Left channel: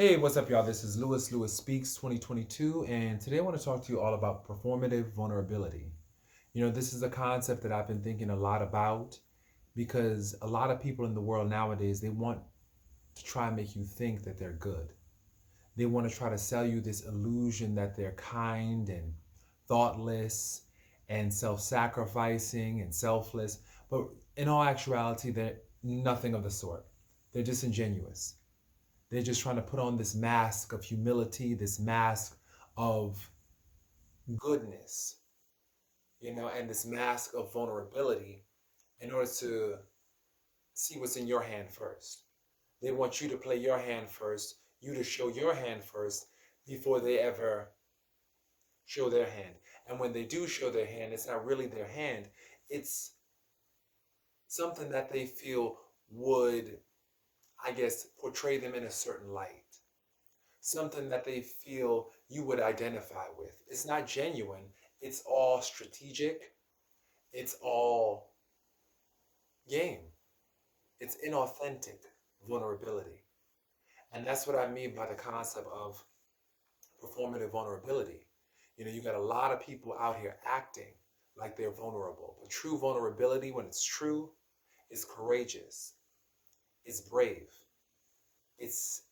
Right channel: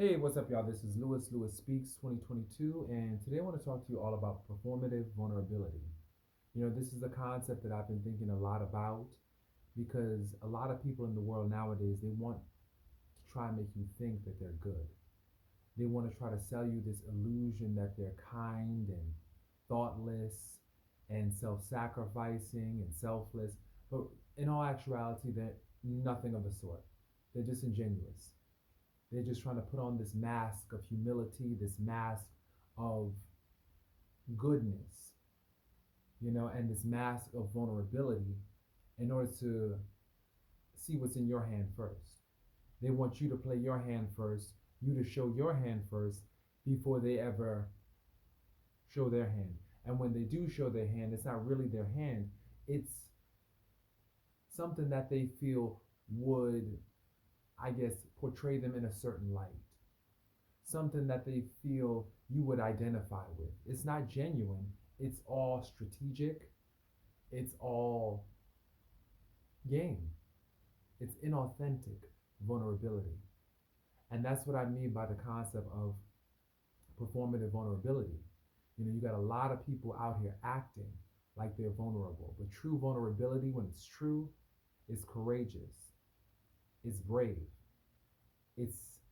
Hey, what's up, y'all? This is Lewis Speaks 2022, and today I want to talk to you all about performative vulnerability. This is a concept that I've been thinking a lot about because a lot of people in the world nowadays, they want to try and make you think that they're good. They want to try to sell you this illusion that they're kind and thoughtless and self-sacrificing and selfless, but in all actuality, they're nothing of the sort. They're disingenuous. They're just trying to put on this mask of humility, this mask of goodness, and this mask of vulnerability in order to see what's in your hand first. They want you to play your hand first, you to show your hand first before they ever show their hand. And when they do show their hand, it's not really their hand, it's something that they feel would, I guess, portray them in a certain light. Something that they feel you would identify with. It's not genuine. It's all strategic. It's all game. It's inauthentic vulnerability. And that's what I mean by the concept of performative vulnerability. You got a lot of people out here acting like they're vulnerable. But true vulnerability, when it's true, is courageous. It's brave. It's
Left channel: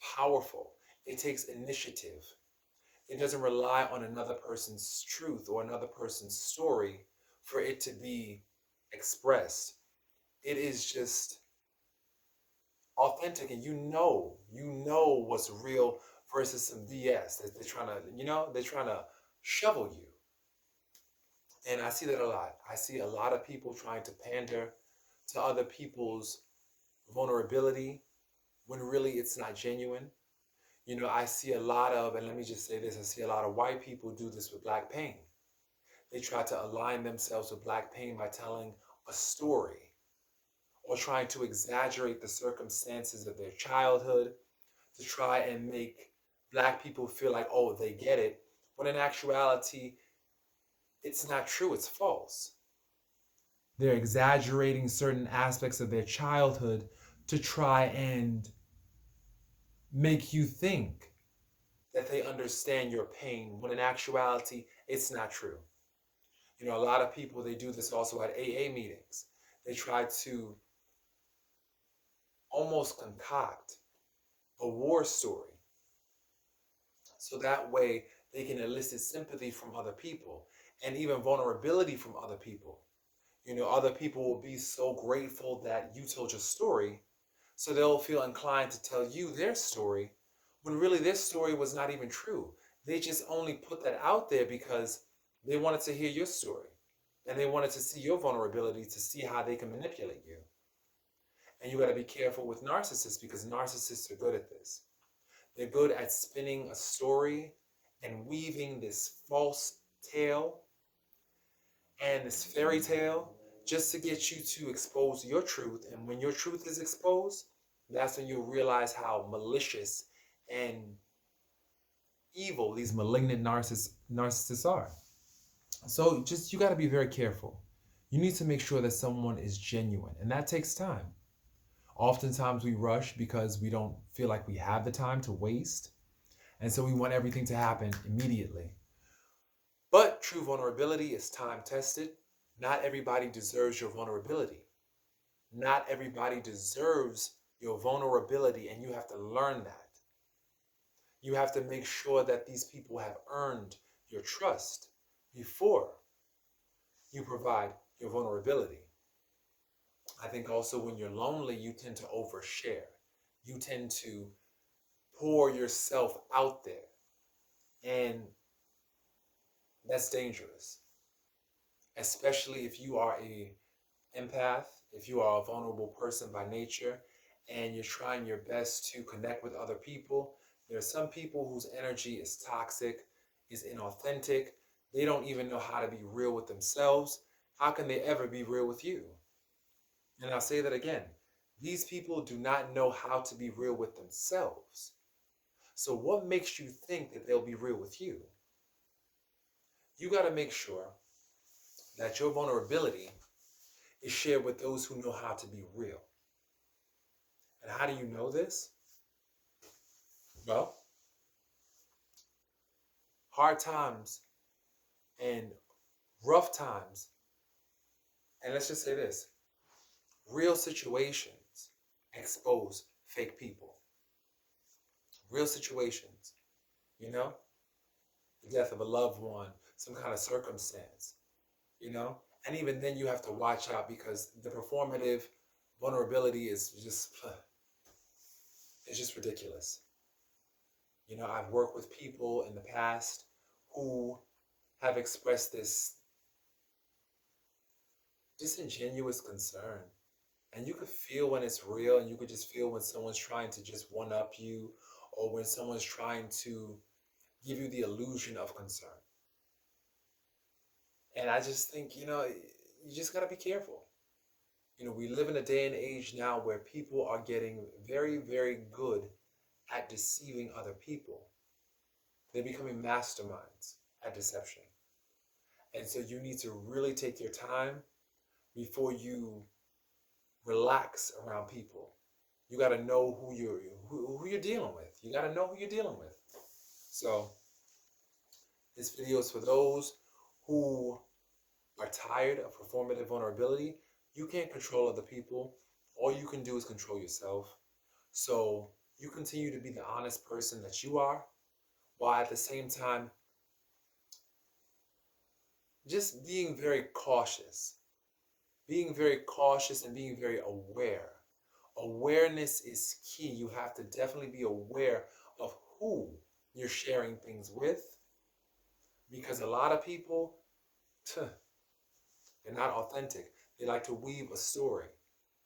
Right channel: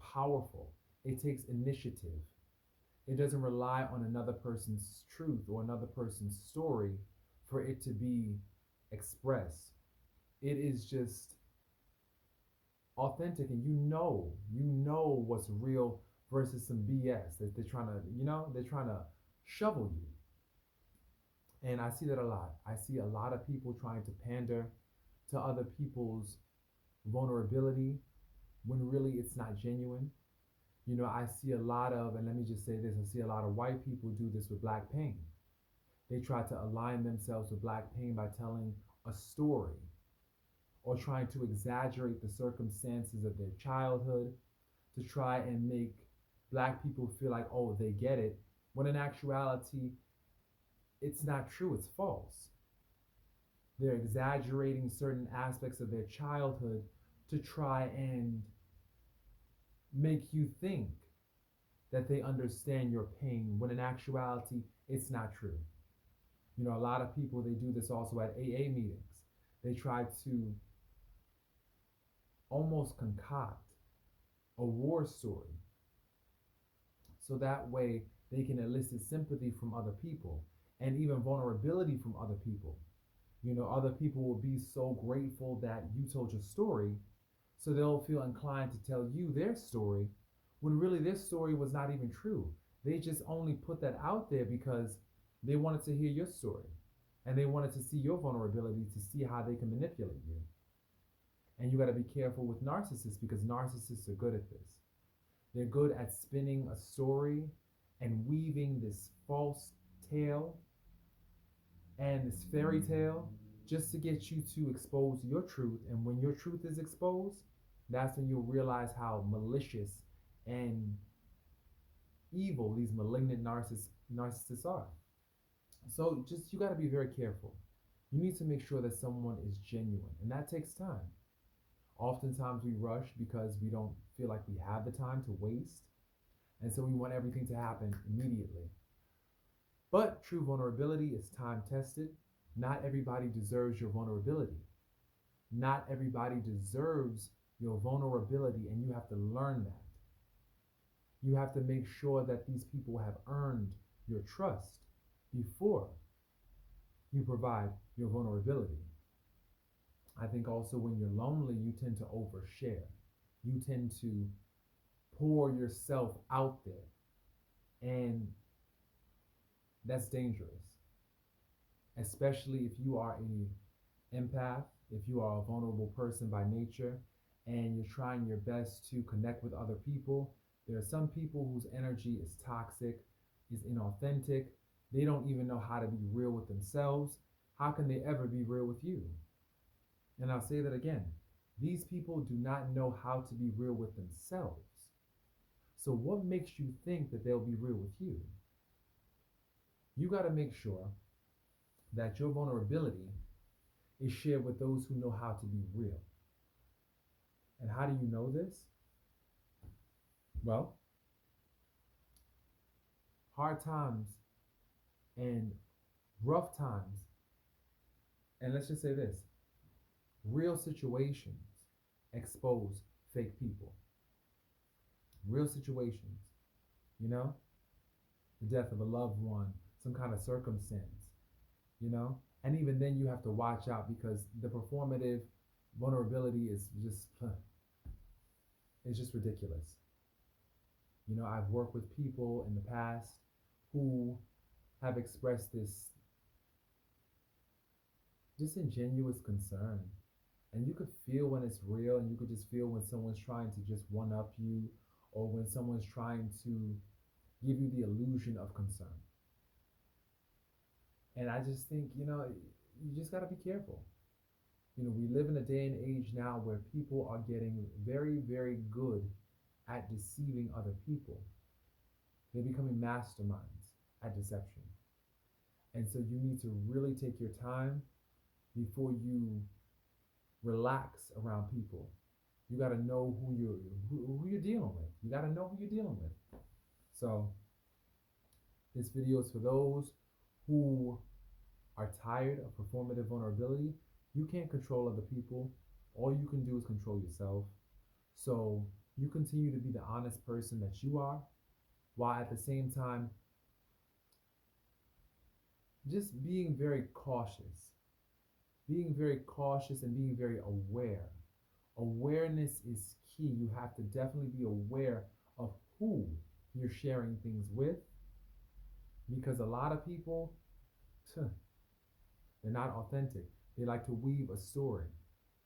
powerful. It takes initiative. It doesn't rely on another person's truth or another person's story for it to be expressed. It is just authentic, and you know what's real versus some BS that they're trying to shovel you. And I see that a lot. I see a lot of people trying to pander to other people's vulnerability when really it's not genuine. I see a lot of, and let me just say this, I see a lot of white people do this with Black pain. They try to align themselves with Black pain by telling a story or trying to exaggerate the circumstances of their childhood to try and make Black people feel like, oh, they get it, when in actuality, it's not true, it's false. They're exaggerating certain aspects of their childhood to try and make you think that they understand your pain when in actuality it's not true. A lot of people, they do this also at AA meetings. They try to almost concoct a war story so that way they can elicit sympathy from other people and even vulnerability from other people. Other people will be so grateful that you told your story, so they'll feel inclined to tell you their story when really their story was not even true. They just only put that out there because they wanted to hear your story and they wanted to see your vulnerability to see how they can manipulate you. And you got to be careful with narcissists because narcissists are good at this. They're good at spinning a story and weaving this false tale and this fairy tale just to get you to expose your truth. And when your truth is exposed, that's when you'll realize how malicious and evil these malignant narcissists are. So you got to be very careful. You need to make sure that someone is genuine, and that takes time. Oftentimes we rush because we don't feel like we have the time to waste, and so we want everything to happen immediately. But true vulnerability is time tested. Not everybody deserves your vulnerability. Not everybody deserves your vulnerability, and you have to learn that. You have to make sure that these people have earned your trust before you provide your vulnerability. I think also when you're lonely, you tend to overshare. You tend to pour yourself out there, and that's dangerous, especially if you are a empath, if you are a vulnerable person by nature, and you're trying your best to connect with other people. There are some people whose energy is toxic, is inauthentic. They don't even know how to be real with themselves. How can they ever be real with you? And I'll say that again. These people do not know how to be real with themselves. So what makes you think that they'll be real with you? You got to make sure that your vulnerability is shared with those who know how to be real. And how do you know this? Well, hard times and rough times, and let's just say this, real situations expose fake people. Real situations, you know, the death of a loved one, some kind of circumstance, you know, and even then you have to watch out because the performative vulnerability is just, it's just ridiculous. You know, I've worked with people in the past who have expressed this disingenuous concern. And you could feel when it's real, and you could just feel when someone's trying to just one up you, or when someone's trying to give you the illusion of concern. And I just think, you know, you just got to be careful. You know, we live in a day and age now where people are getting very, very good at deceiving other people. They're becoming masterminds at deception. And so you need to really take your time before you relax around people. You got to know who you're dealing with. You got to know who you're dealing with. So this video is for those who are tired of performative vulnerability. You can't control other people. All you can do is control yourself. So you continue to be the honest person that you are, while at the same time just being very cautious. Being very cautious and being very aware. Awareness is key. You have to definitely be aware of who you're sharing things with, because a lot of people, they're not authentic. They like to weave a story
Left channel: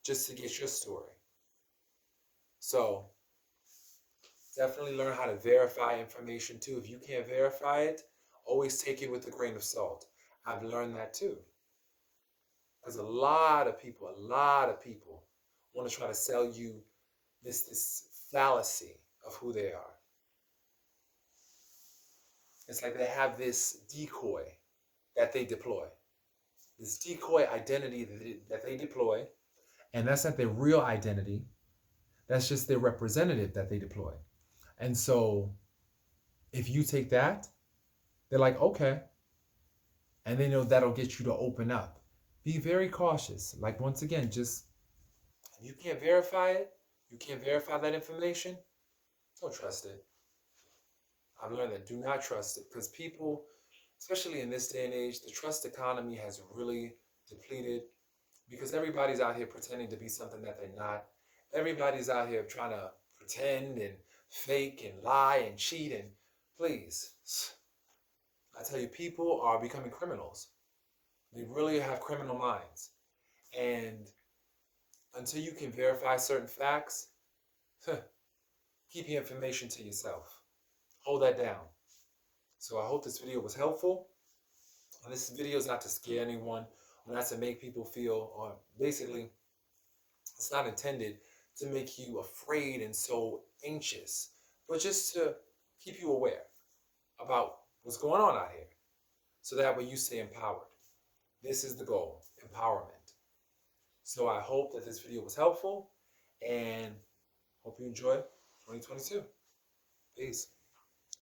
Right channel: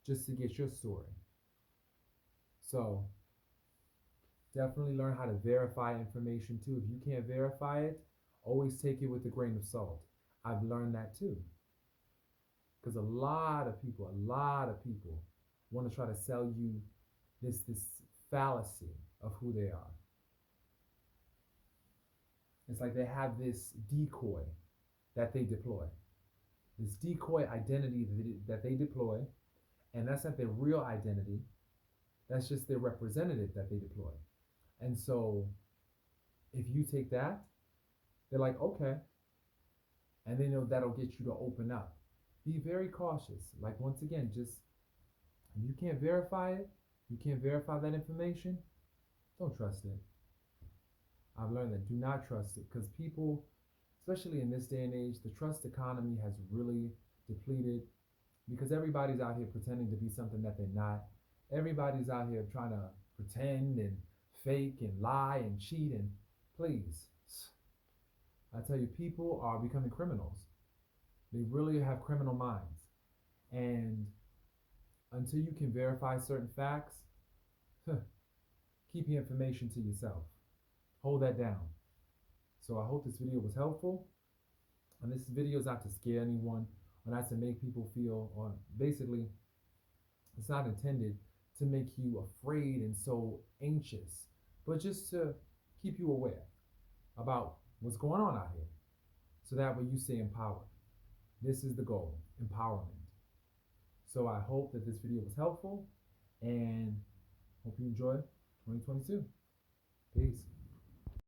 just to get your story. So definitely learn how to verify information too. If you can't verify it, always take it with a grain of salt. I've learned that too. Because a lot of people want to try to sell you this fallacy of who they are. It's like they have this decoy that they deploy, this decoy identity that they deploy, and that's not their real identity. That's just their representative that they deploy. And so if you take that, they're like, okay. And they know that'll get you to open up. Be very cautious. Like, once again, just, if you can't verify it, you can't verify that information, don't trust it. I've learned that do not trust it, because people, especially in this day and age, the trust economy has really depleted, because everybody's out here pretending to be something that they're not. Everybody's out here trying to pretend and fake and lie and cheat. And please, I tell you, people are becoming criminals. They really have criminal minds. And until you can verify certain facts, keep your information to yourself. Hold that down. So I hope this video was helpful. And this video is not to scare anyone or not to make people feel, or basically, it's not intended to make you afraid and so anxious, but just to keep you aware about what's going on out here, so that way you stay empowered. This is the goal, empowerment. So I hope that this video was helpful, and hope you enjoy 2022. Peace.